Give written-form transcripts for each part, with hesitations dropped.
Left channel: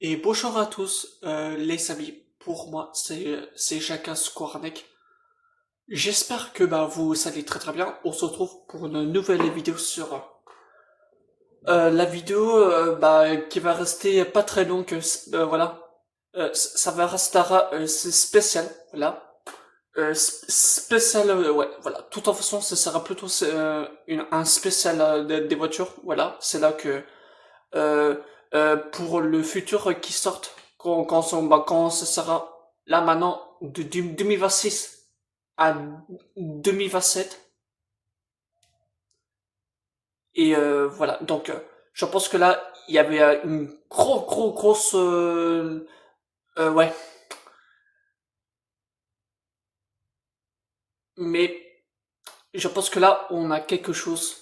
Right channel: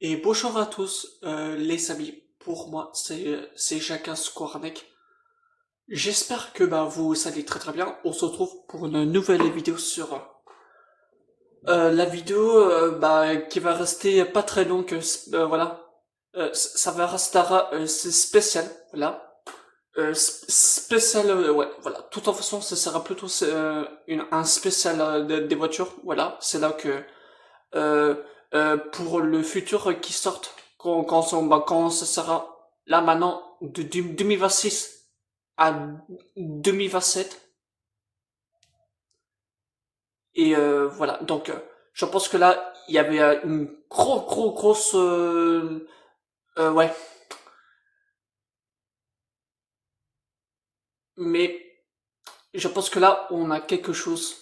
Et bonjour à tous, les amis. Pour moi, c'est Jacques Squarneck. J'espère que vous allez très très bien. On se retrouve pour une nouvelle vidéo sur la vidéo qui va rester pas très longue. Voilà, ça va rester c'est spécial. Voilà, spécial. Ouais, voilà. Tout en façon, ce sera plutôt un spécial des voitures. Voilà, c'est là que euh, pour le futur qui sortent quand ce sera là maintenant de 2026 à 2027 et voilà donc je pense que là il y avait une grosse ouais mais je pense que là on a quelque chose,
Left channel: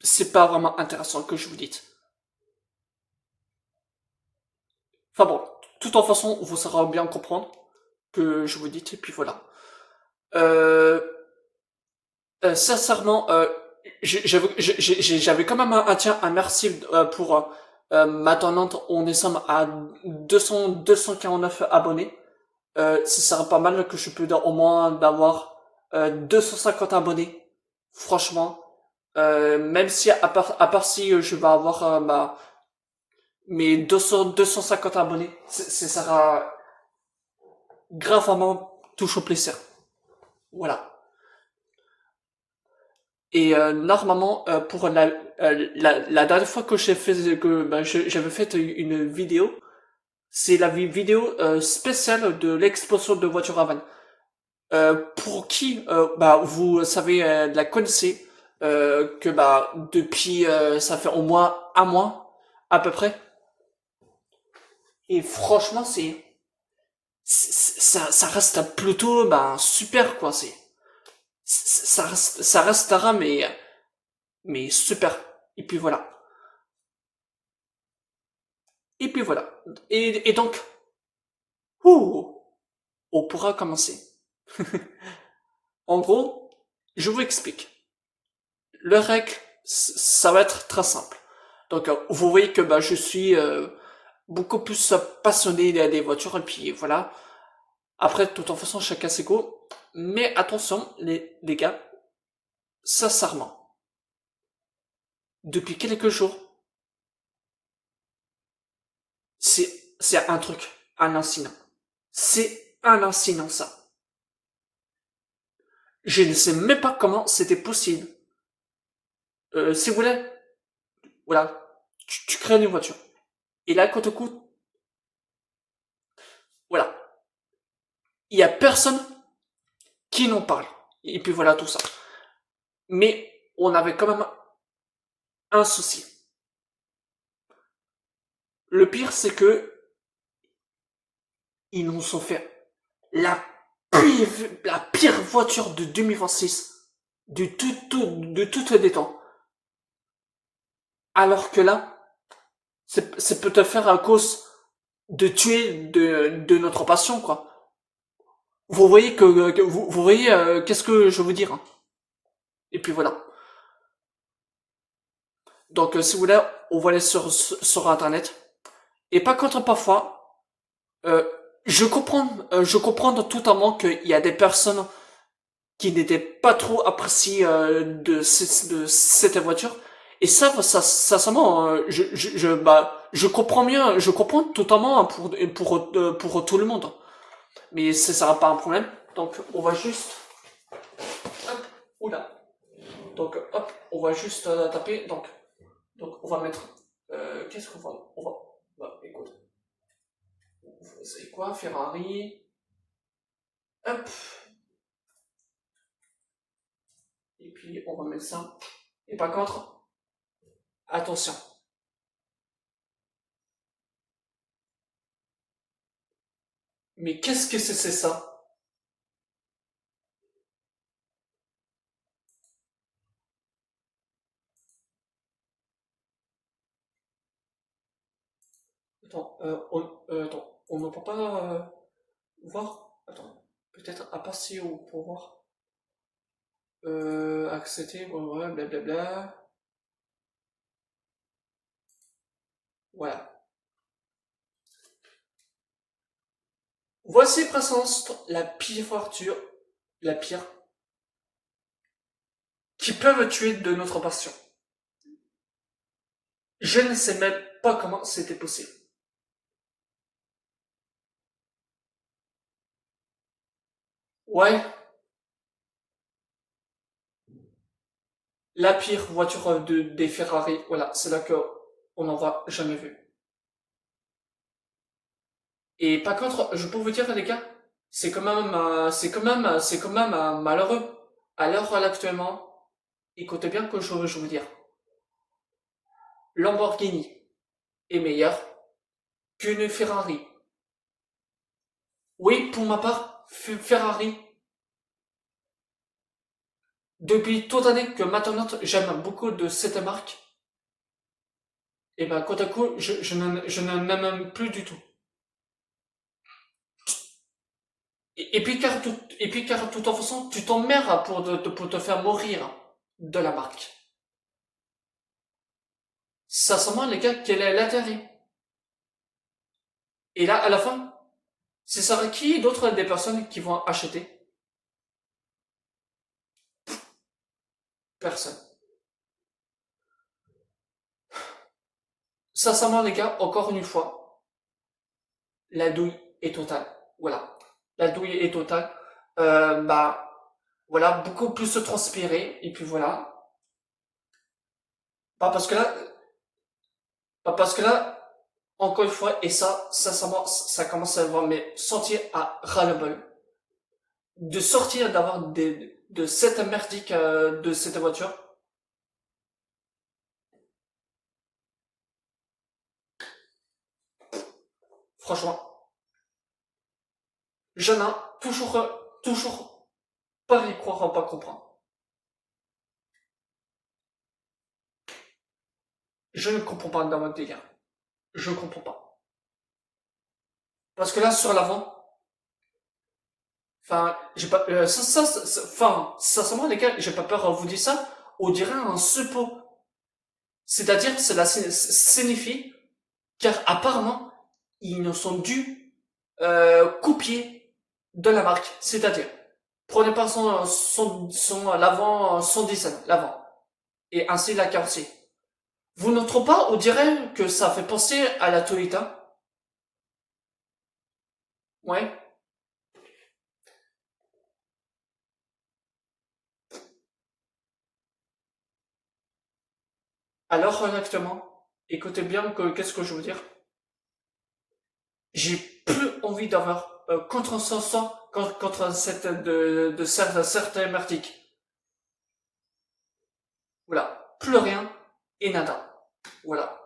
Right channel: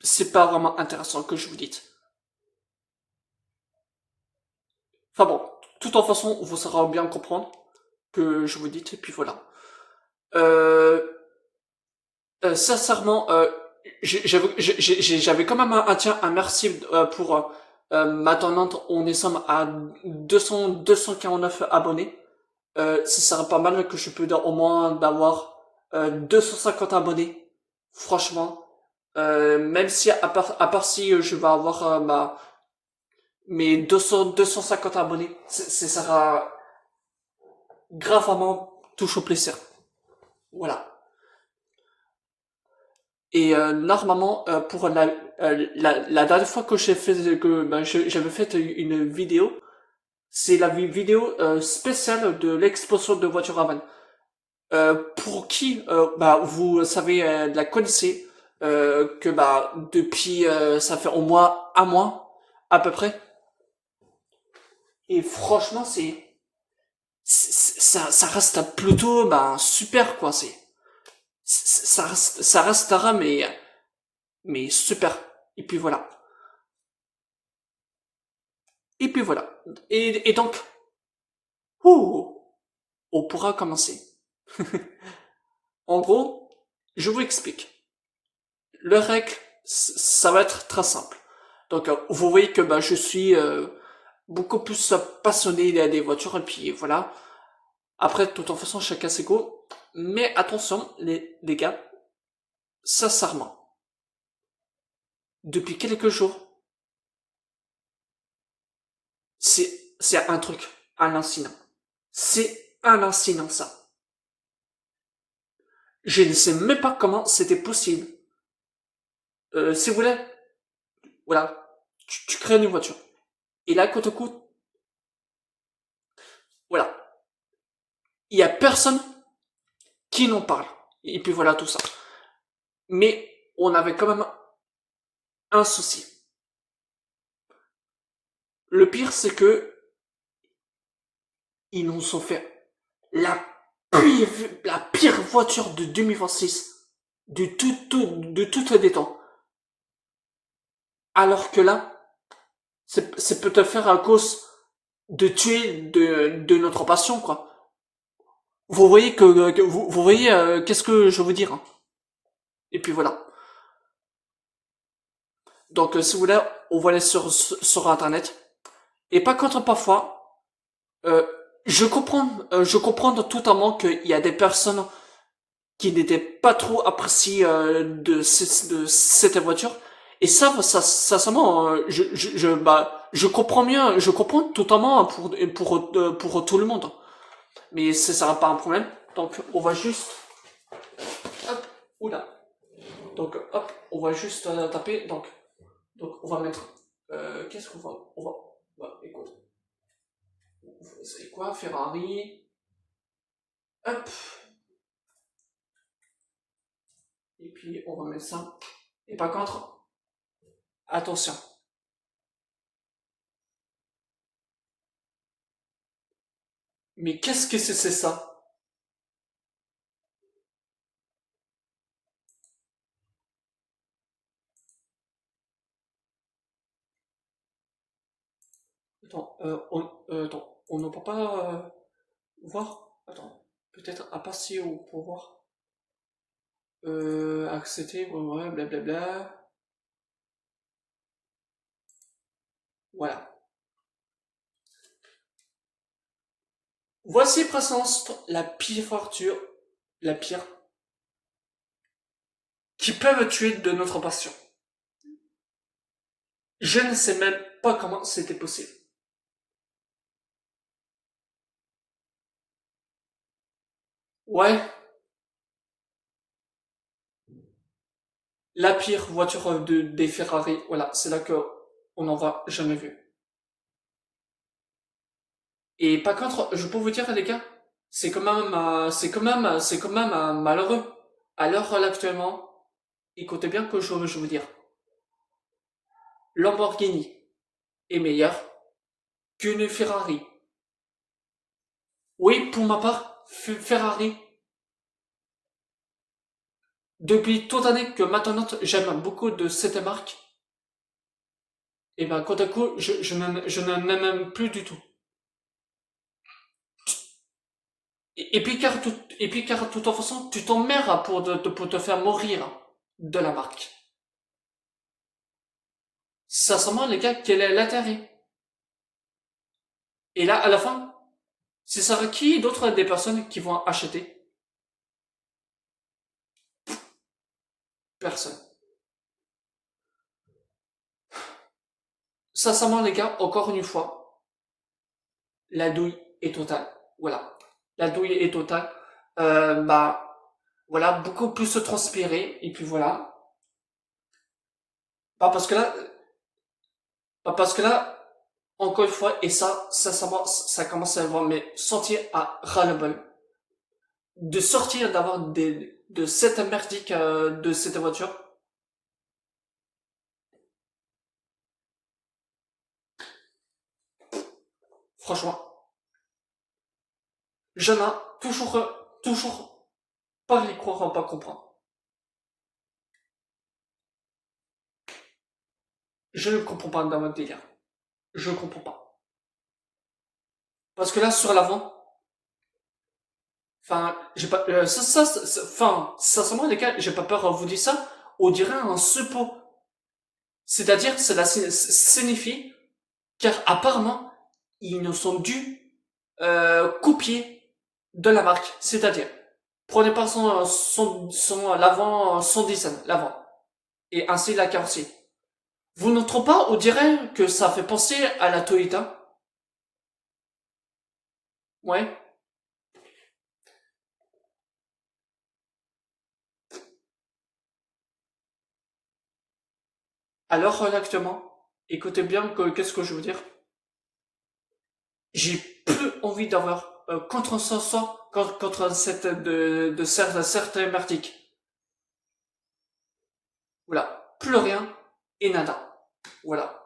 c'est pas vraiment intéressant que je vous dise, enfin bon, tout en façon vous saurez bien comprendre que je vous dis et puis voilà. euh, Sincèrement, j'avais quand même un merci pour ma tendance. On est somme à 249 abonnés. Ce serait pas mal que je peux au moins d'avoir 250 abonnés. Franchement, même si à part si je vais avoir mes 250 abonnés, ce sera gravement touche au plaisir. Voilà. Et normalement, pour la dernière fois que j'avais fait une vidéo, c'est la vidéo spéciale de l'exposition de voiture à vannes. Pour qui, vous savez, la connaissez, que depuis, ça fait au moins un mois à peu près. Et franchement, ça reste plutôt super quoi. Ça restera mais super. Et puis voilà. Et puis voilà. Et donc, ouh, on pourra commencer. En gros, je vous explique. Le règle, ça va être très simple. Donc, vous voyez que je suis beaucoup plus passionné des voitures, et puis voilà. Après, de toute façon, chacun ses goûts. Mais attention, les gars, sincèrement, depuis quelques jours, c'est un truc, un incident. C'est un incident, ça. Je ne sais même pas comment c'était possible. Si vous voulez, voilà, tu crées une voiture. Et là, côte à côte, voilà, il y a personne qui n'en parle. Et puis voilà tout ça. Mais on avait quand même un souci. Le pire, c'est que ils nous ont fait la la pire voiture de 2026 de toutes les temps. Alors que là, c'est peut-être faire à cause de tuer de notre passion, quoi. Vous voyez vous voyez qu'est-ce que je veux dire, hein. Et puis voilà. Donc si vous voulez, on va aller sur internet. Et pas contre parfois, euh, je comprends totalement qu'il y a des personnes qui n'étaient pas trop appréciées de cette voiture. Et ça sincèrement, je comprends bien, je comprends totalement pour tout le monde. Mais ça sera pas un problème. Donc on va juste, hop, oula. Donc hop, on va juste taper. Donc on va mettre, qu'est-ce qu'on va, écoute, c'est quoi, Ferrari, hop, et puis on va mettre ça. Et par contre, attention. Mais qu'est-ce que c'est ça? Attends, on ne peut pas voir. Attends, peut-être à part si on peut voir. Accéder, ouais, blablabla. Voilà. Voici présence la pire voiture, la pire, qui peuvent tuer de notre passion. Je ne sais même pas comment c'était possible. Ouais, la pire voiture des Ferrari, voilà, c'est là que on n'en voit jamais vu. Et par contre, je peux vous dire, les gars, c'est quand même malheureux. À l'heure actuellement, écoutez bien que je veux dire, Lamborghini est meilleur qu'une Ferrari. Oui, pour ma part, Ferrari. Depuis toute année que maintenant j'aime beaucoup de cette marque, et ben, côte à coup, je n'en aime même plus du tout. Et puis car, de toute façon, tu t'emmerdes pour te faire mourir de la marque. Sincèrement, les gars, quel est l'intérêt? Et là, à la fin, ce sera qui d'autres des personnes qui vont acheter? Personne. Sincèrement, les gars, encore une fois, la douille est totale. Voilà. La douille est totale. Bah, voilà, beaucoup plus se transpirer, et puis voilà. Pas parce que là, pas parce que là, encore une fois, et ça, sincèrement, ça commence à vraiment sentir à ras-le-bol. De sortir, d'avoir de cette merdique, de cette voiture. Franchement, je n'ai toujours pas y croire, pas comprendre. Je ne comprends pas dans votre délire. Je ne comprends pas. Parce que là, sur l'avant, enfin, j'ai pas, enfin, sincèrement, les gars, j'ai pas peur à vous dire ça, on dirait un suppôt. C'est-à-dire, cela signifie, car apparemment, ils nous sont dus, copier de la marque. C'est-à-dire, prenez pas son l'avant, son design, l'avant. Et ainsi la carrosserie. Vous ne trouvez pas, on dirait que ça fait penser à la Toyota? Ouais. Alors, actuellement, écoutez bien qu'est-ce que je veux dire. J'ai plus envie d'avoir contre contre cette de certaines merdiques. Voilà, plus rien et nada. Voilà.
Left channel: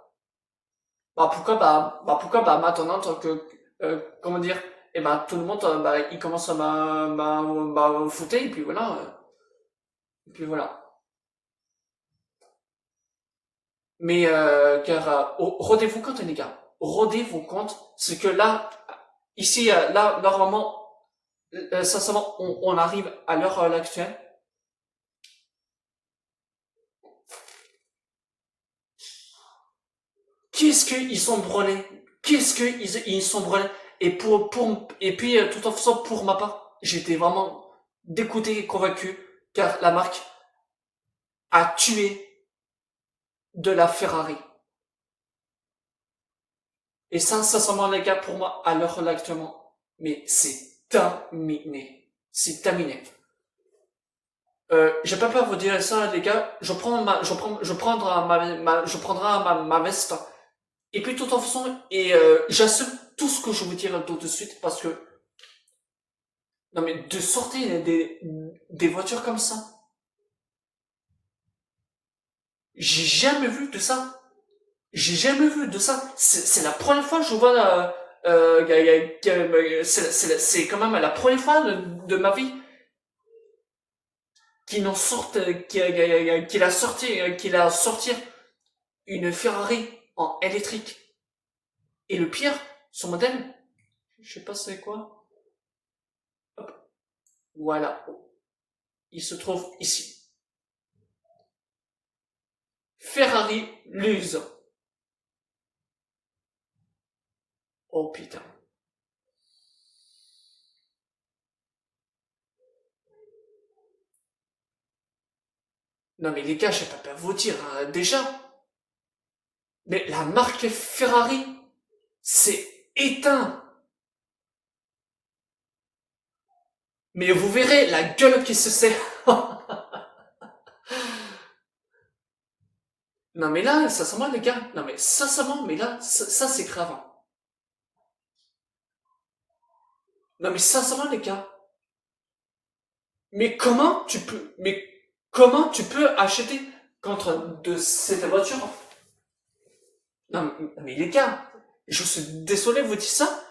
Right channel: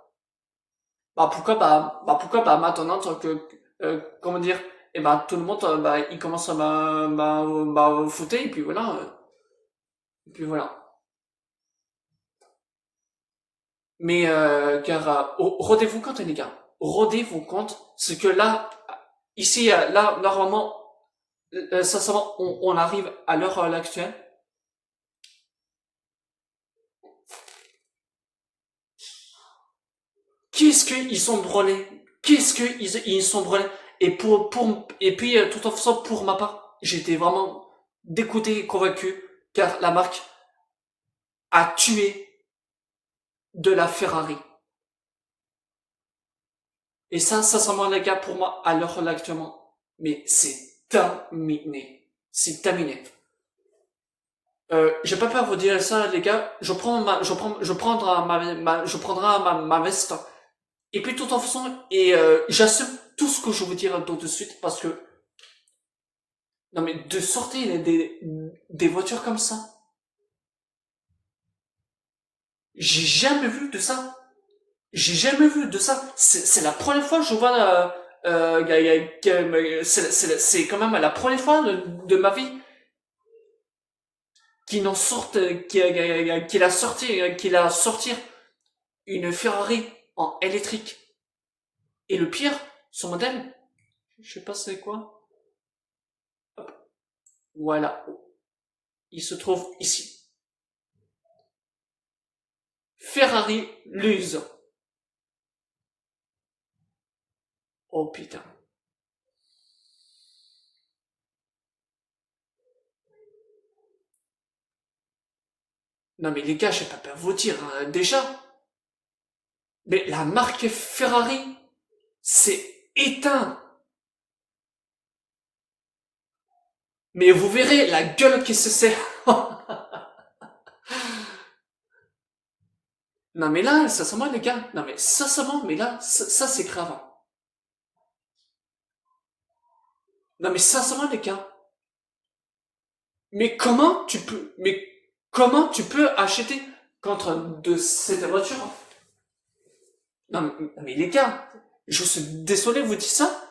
Pourquoi bah maintenant tant que comment dire, et bah tout le monde bah il commence à foutre et puis voilà et puis voilà. Mais car rendez-vous compte les gars, rendez-vous compte, c'est que là ici là normalement sincèrement on arrive à l'heure actuelle. Qu'est-ce qu'ils sont brûlés? Qu'est-ce qu'ils sont brûlés? Et et puis, tout en faisant pour ma part, j'étais vraiment dégoûté et convaincu, car la marque a tué de la Ferrari. Et ça, sincèrement, les gars, pour moi, à l'heure actuellement, mais c'est terminé. C'est terminé. J'ai pas peur de vous dire ça, les gars. Je prendrai ma veste. Et puis, tout en faisant, et j'assume tout ce que je veux dire tout de suite, parce que non mais de sortir des voitures comme ça, j'ai jamais vu de ça. J'ai jamais vu de ça. C'est la première fois que je vois. C'est quand même la première fois de ma vie qu'il en sorte, qu'il a sorti une Ferrari en électrique. Et le pire, son modèle, je sais pas c'est quoi. Hop, voilà, il se trouve ici. Ferrari Luz. Oh putain. Non mais les gars, je vais pas peur vous dire, hein, déjà, mais la marque Ferrari, c'est éteint. Mais vous verrez la gueule qui se sert. Non mais là, sincèrement les gars, non mais sincèrement, mais là, ça c'est grave, hein. Non mais sincèrement les gars, mais comment tu peux acheter contre de cette voiture? Non mais les gars, je suis désolé de vous dire ça,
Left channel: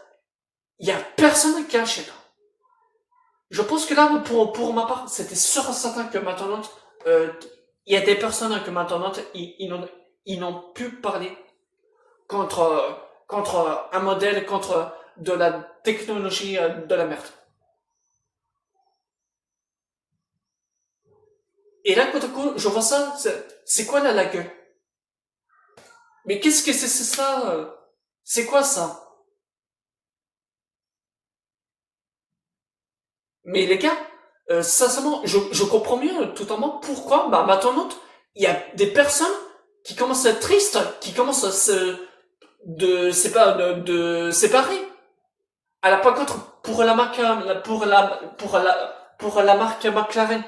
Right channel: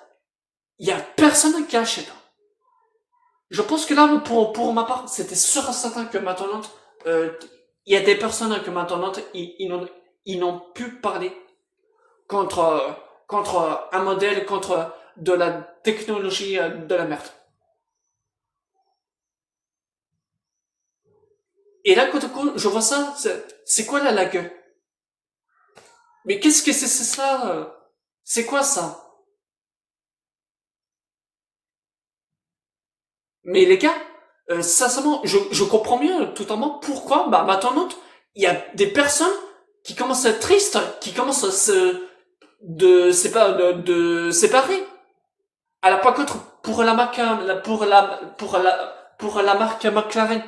il y a personne qui achète. Je pense que là, pour ma part, c'était sûr et certain que maintenant, euh, il y a des personnes que maintenant, ils n'ont pu parler contre, contre un modèle, contre de la technologie de la merde. Et là, quand je vois ça, c'est quoi là, la gueule? Mais qu'est-ce que c'est ça? C'est quoi ça? Mais les gars, sincèrement, je comprends mieux totalement pourquoi, bah, maintenant, il y a des personnes qui commencent à être tristes, qui commencent à de séparer. À la par contre, pour la marque, pour la marque McLaren,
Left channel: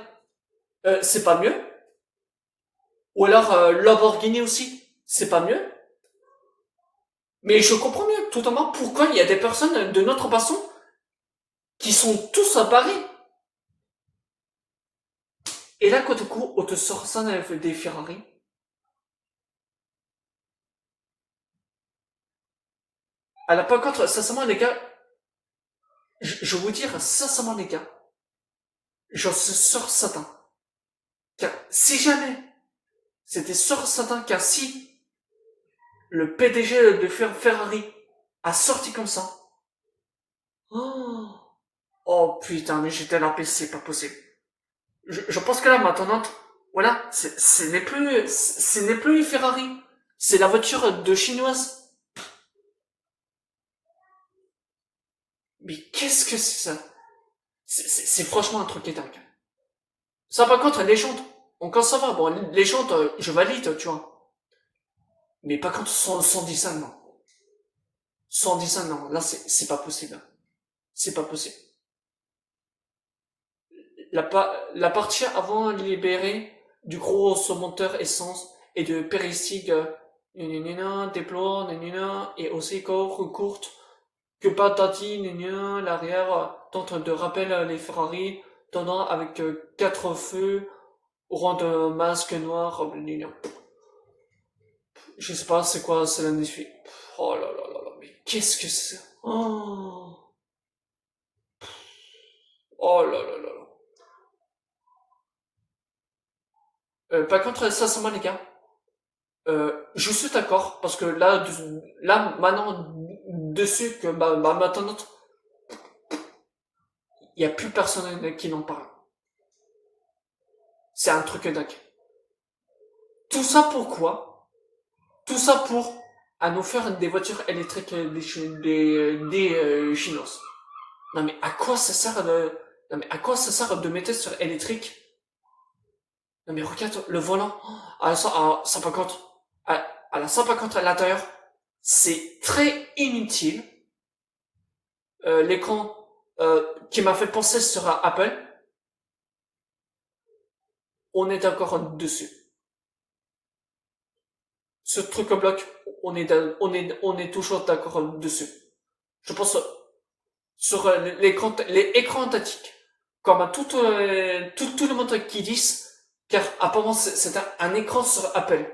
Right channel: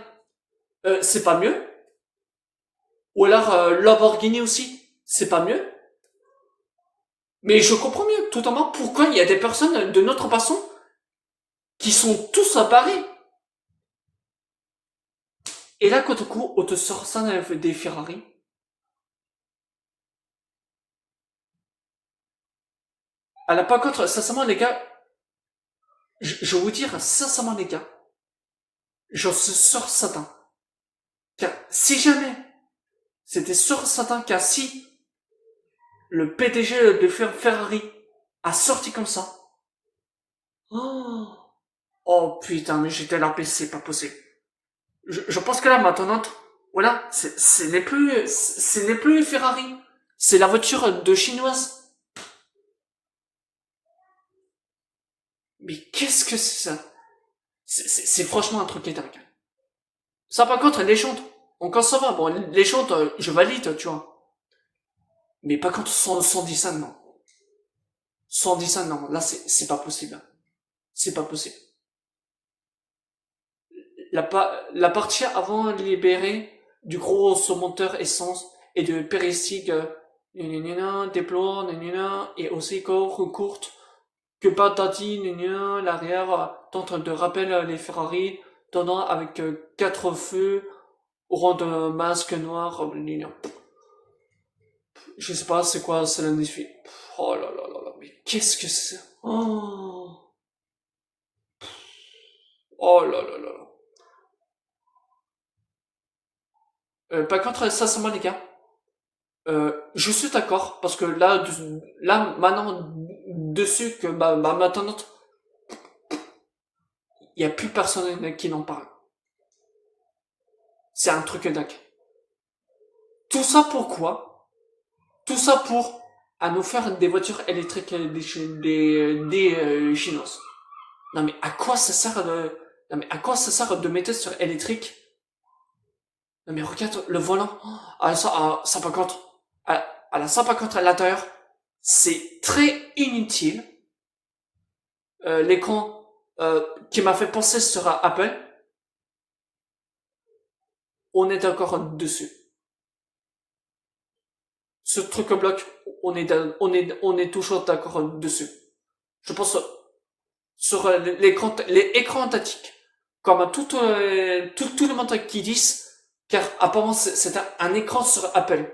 c'est pas mieux. Ou alors, Lamborghini aussi, c'est pas mieux. Mais je comprends mieux totalement pourquoi il y a des personnes de notre façon qui sont tous à Paris. Et là, quand coup, on te sort ça des Ferrari. À la par contre, sincèrement, les gars, je vais vous dire, sincèrement, les gars, j'en suis sûr certain. Car si jamais c'était sûr certain car si le PDG de Ferrari a sorti comme ça, oh, oh putain, mais j'étais là, c'est pas possible. Je pense que là, maintenant, voilà, ce n'est plus Ferrari. C'est la voiture de chinoise. Mais qu'est-ce que c'est ça? C'est franchement un truc qui est dingue. Ça, par contre, les chantes, encore ça va. Bon, les chantes, je valide, tu vois. Mais par contre, sans dessin, non. Sans dessin, non. Là, c'est pas possible. C'est pas possible. La partie avant libérée du gros moteur essence et de péristique déplore, et aussi courte, que patati, l'arrière tente de rappeler les Ferrari, tendant avec quatre feux, au rang de masque noir, je sais pas c'est quoi, c'est l'indéfini. Oh là là là là, mais qu'est-ce que c'est? Oh là là là là. Par contre, sincèrement les gars, je suis d'accord, parce que là, là maintenant, dessus, que ma maintenant, il n'y a plus personne qui n'en parle. C'est un truc dingue. Tout ça pourquoi? Tout ça pour à nous faire des voitures électriques des chinoises. Non mais à quoi ça sert de... Non mais à quoi ça sert de mettre sur électrique? Non mais regarde le volant. À ça, à 150. À la 150 à l'intérieur. C'est très inutile. L'écran qui m'a fait penser sur Apple. On est d'accord dessus. Ce truc bloc, on est toujours d'accord dessus. Je pense sur les écrans tactiques, comme tout le monde qui disent, car apparemment c'est un écran sur Apple.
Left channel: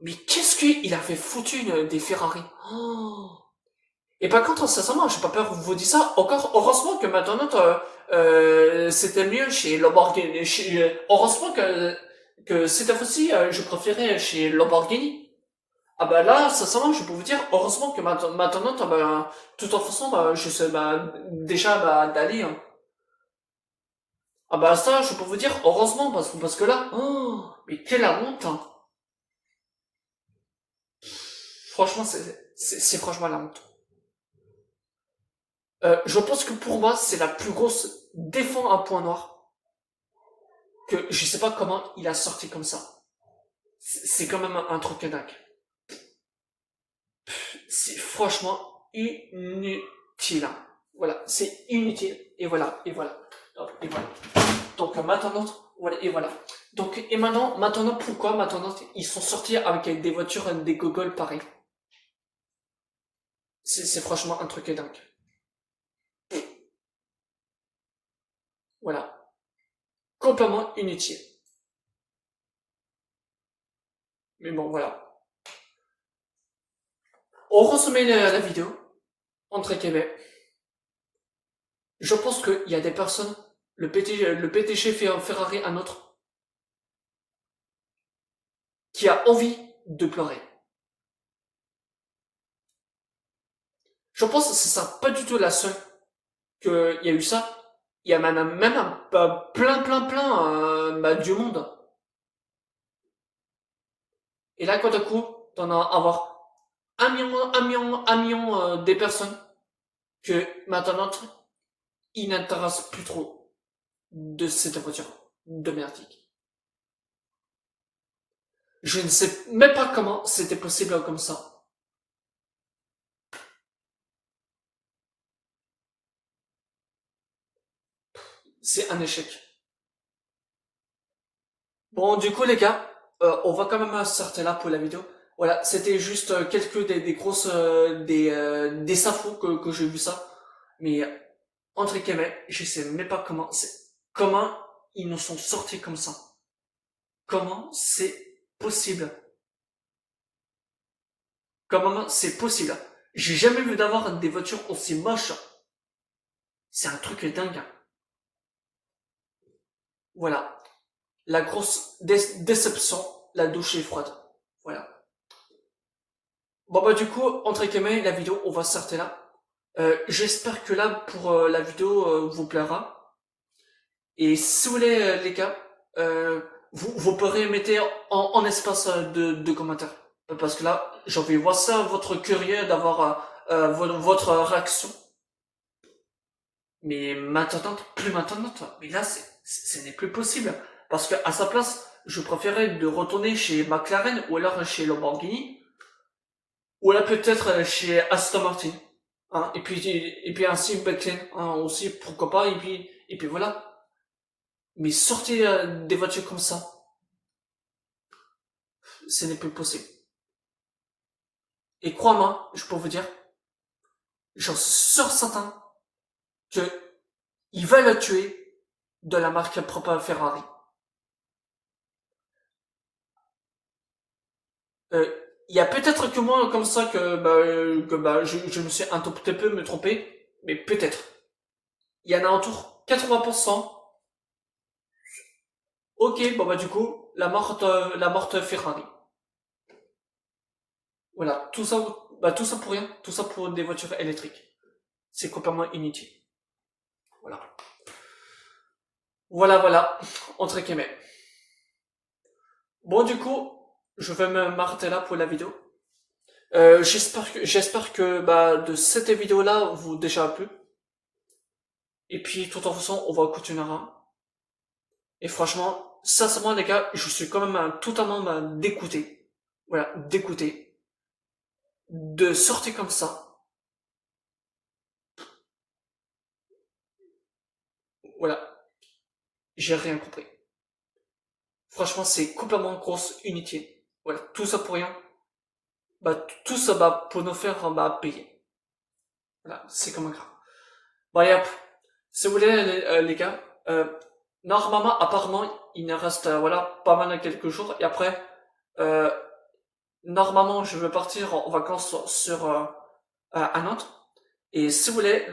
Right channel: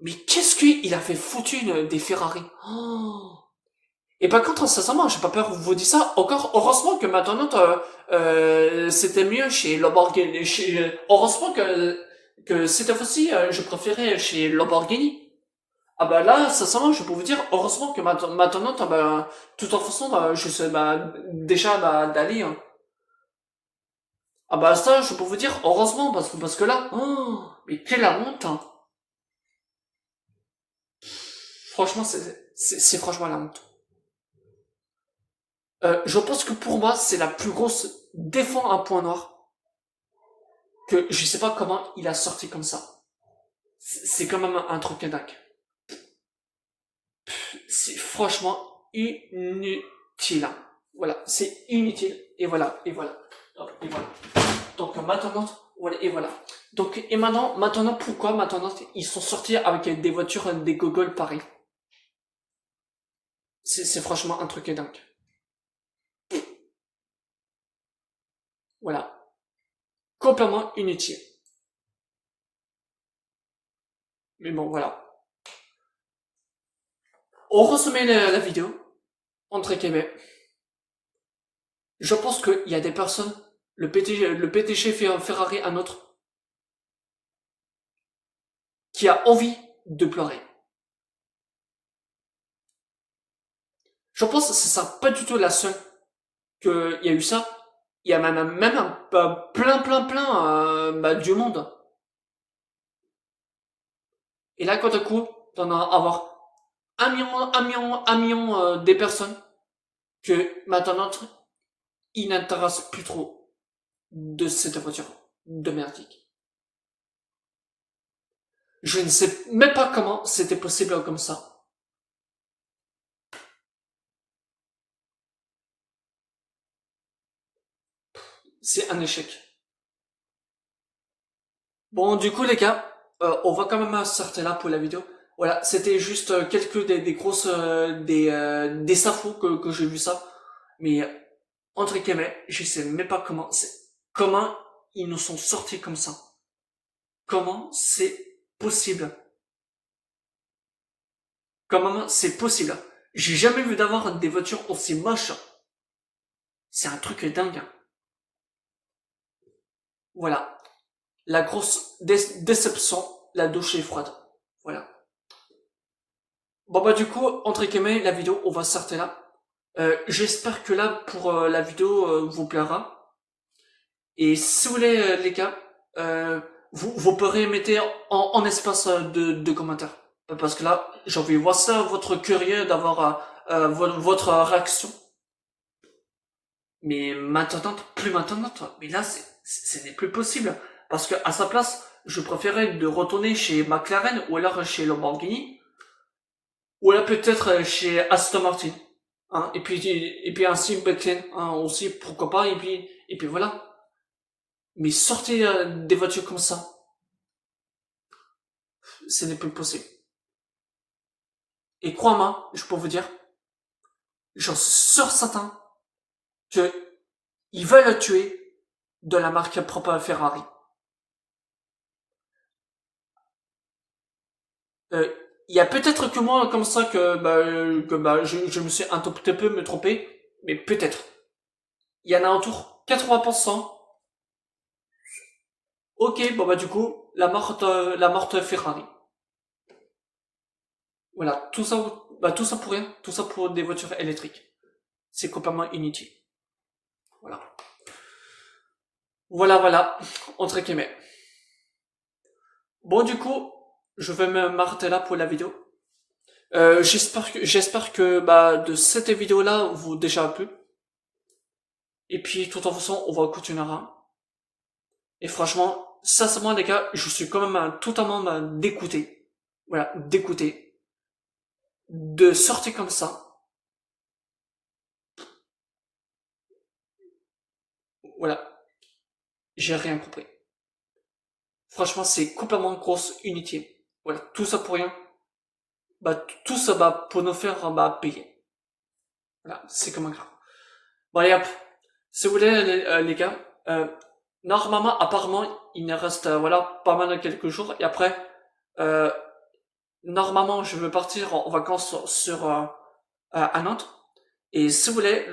Mais qu'est-ce qu'il avait foutu des Ferrari? Oh. Et par contre, sincèrement, j'ai pas peur de vous dire ça. Encore, heureusement que maintenant, c'était mieux chez Lamborghini. Heureusement que cette fois-ci, je préférais chez Lamborghini. Ah bah là, sincèrement, je peux vous dire, heureusement que maintenant, bah, de toute façon, bah, je sais, bah, déjà, bah, d'aller, hein. Ah bah ça, je peux vous dire, heureusement, parce que là, oh, mais quelle honte, hein. Franchement, C'est franchement la honte. Je pense que pour moi, c'est la plus grosse défend un point noir que je sais pas comment il a sorti comme ça. C'est quand même un truc de dingue. C'est franchement inutile. Voilà, c'est inutile. Et voilà, et voilà. Et voilà. Donc maintenant, voilà, et voilà. Donc, et maintenant, pourquoi maintenant ils sont sortis avec des voitures, des gogoles pareils. C'est franchement un truc de dingue. Voilà. Complètement inutile. Mais bon, voilà. On resumait la vidéo, entre Québec. Je pense qu'il y a des personnes, le PDG fait un Ferrari, un autre, qui a envie de pleurer. Je pense que ce sera pas du tout la seule qu'il y a eu ça. Il y a même plein du monde. Et là, quand à coup, t'en as avoir un million des personnes que maintenant, ils n'intéressent plus trop de cette voiture de merdique. Je ne sais même pas comment c'était possible comme ça. C'est un échec. Bon, du coup, les gars, on va quand même s'arrêter là pour la vidéo. Voilà, c'était juste quelques des grosses des infos que j'ai vu ça. Mais entre guillemets, je sais même pas comment ils nous sont sortis comme ça. Comment c'est possible? Comment c'est possible? J'ai jamais vu d'avoir des voitures aussi moches. C'est un truc dingue. Voilà. La grosse déception, la douche est froide. Voilà. Bon bah du coup, entre guillemets, la vidéo, on va s'arrêter là. J'espère que là, pour la vidéo, vous plaira. Et si vous voulez, les gars, vous pourrez mettre en espace de commentaires. Parce que là, j'ai envie de voir ça, votre curieux d'avoir votre réaction. Mais maintenant, plus maintenant, mais là, ce n'est plus possible. Parce que à sa place, je préférais de retourner chez McLaren ou alors chez Lamborghini ou là peut-être chez Aston Martin. Hein, et puis ainsi McLaren hein, aussi, pourquoi pas, et puis voilà. Mais sortez des voitures comme ça, ce n'est plus possible. Et crois-moi, je peux vous dire, j'en suis sûr certain que ils veulent tuer de la marque propre Ferrari. Euh, Il y a peut-être que moi comme ça que je me suis un tout petit peu me trompé, mais peut-être. Il y en a autour 80%. Ok, bon bah du coup, la morte Ferrari. Voilà, tout ça pour rien, tout ça pour des voitures électriques. C'est complètement inutile. Voilà. Voilà, entre guillemets. Bon, du coup, je vais m'arrêter là pour la vidéo. J'espère que de cette vidéo-là vous déjà plu. Et puis, de toute façon, on va continuer. Et franchement, sincèrement, les gars, je suis quand même totalement dégoûté. Voilà, dégoûté. De sortir comme ça. Voilà, j'ai rien compris. Franchement, c'est complètement grosse inutile. Voilà, tout ça pour rien. Tout ça pour nous faire payer. Voilà, c'est comme un grave. Bon, allez hop. Si vous voulez, les gars, normalement, apparemment, il ne reste voilà, pas mal de quelques jours. Et après, euh, normalement, je vais partir en vacances à Nantes. Et si vous voulez,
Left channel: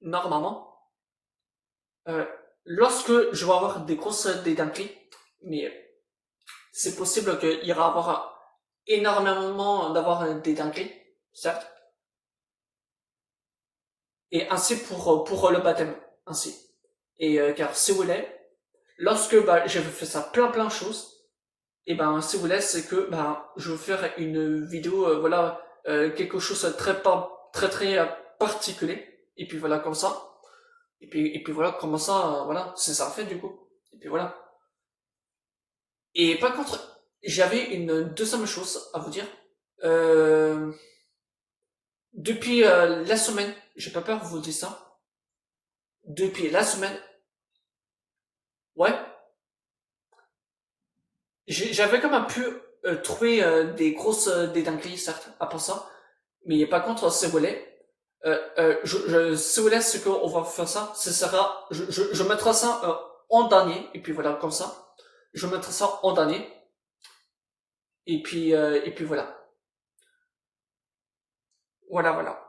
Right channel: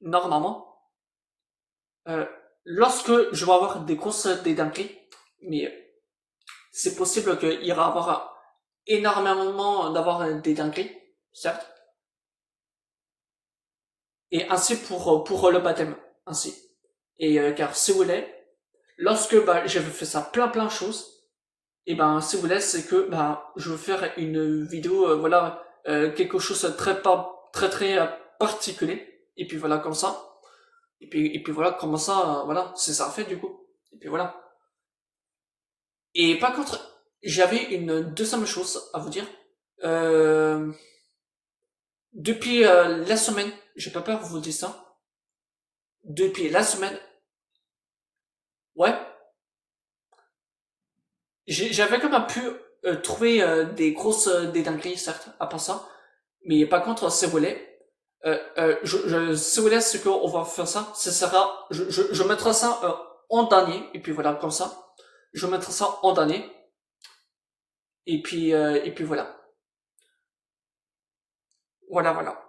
normalement, euh, lorsque je vais avoir des grosses des dingueries, mais c'est possible qu'il y aura avoir énormément d'avoir des dingueries, certes. Et ainsi pour le baptême, ainsi. Et car si vous voulez, lorsque j'avais fait ça plein de choses, et si vous voulez, c'est que je vais faire une vidéo, voilà, quelque chose de très particulier. Et puis voilà, comme ça. Et puis voilà, comment ça, voilà, c'est ça fait du coup. Et puis voilà. Et par contre, j'avais une deuxième chose à vous dire. Euh, Depuis la semaine, j'ai pas peur de vous dire ça. Depuis la semaine, ouais, j'avais quand même pu trouver des dingueries, certes, à part ça. Mais par contre, ce volet, ce volet, ce qu'on va faire ça, ce sera, je mettrai ça en dernier, et puis voilà, comme ça. Je mettrai ça en dernier, et puis voilà. Voilà, voilà.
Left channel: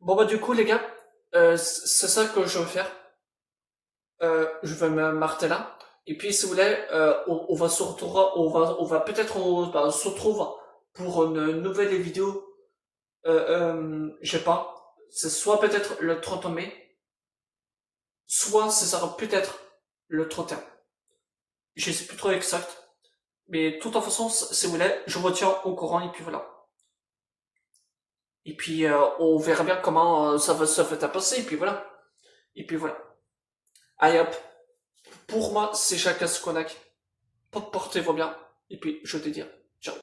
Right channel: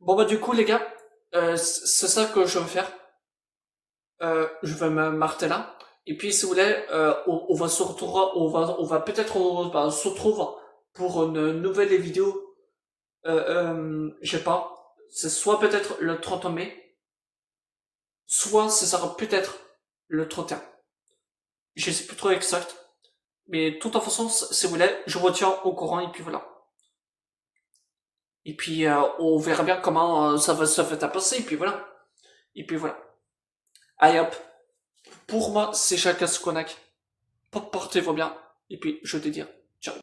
Bon, bah, du coup, les gars, c'est ça que je vais faire. Je vais me marter là. Et puis, si vous voulez, on va se retrouver, on va peut-être se retrouver pour une nouvelle vidéo. Je sais pas. C'est soit peut-être le 30 mai, soit ce sera peut-être le 31. Je sais plus trop exact. Mais de toute façon, si vous voulez, je vous tiens au courant et puis voilà. Et puis, on verra bien comment ça va passer et puis voilà. Et puis voilà. Allez hop. Pour moi, c'est chacun ce qu'on a. Portez-vous bien. Et puis, je te dis, ciao.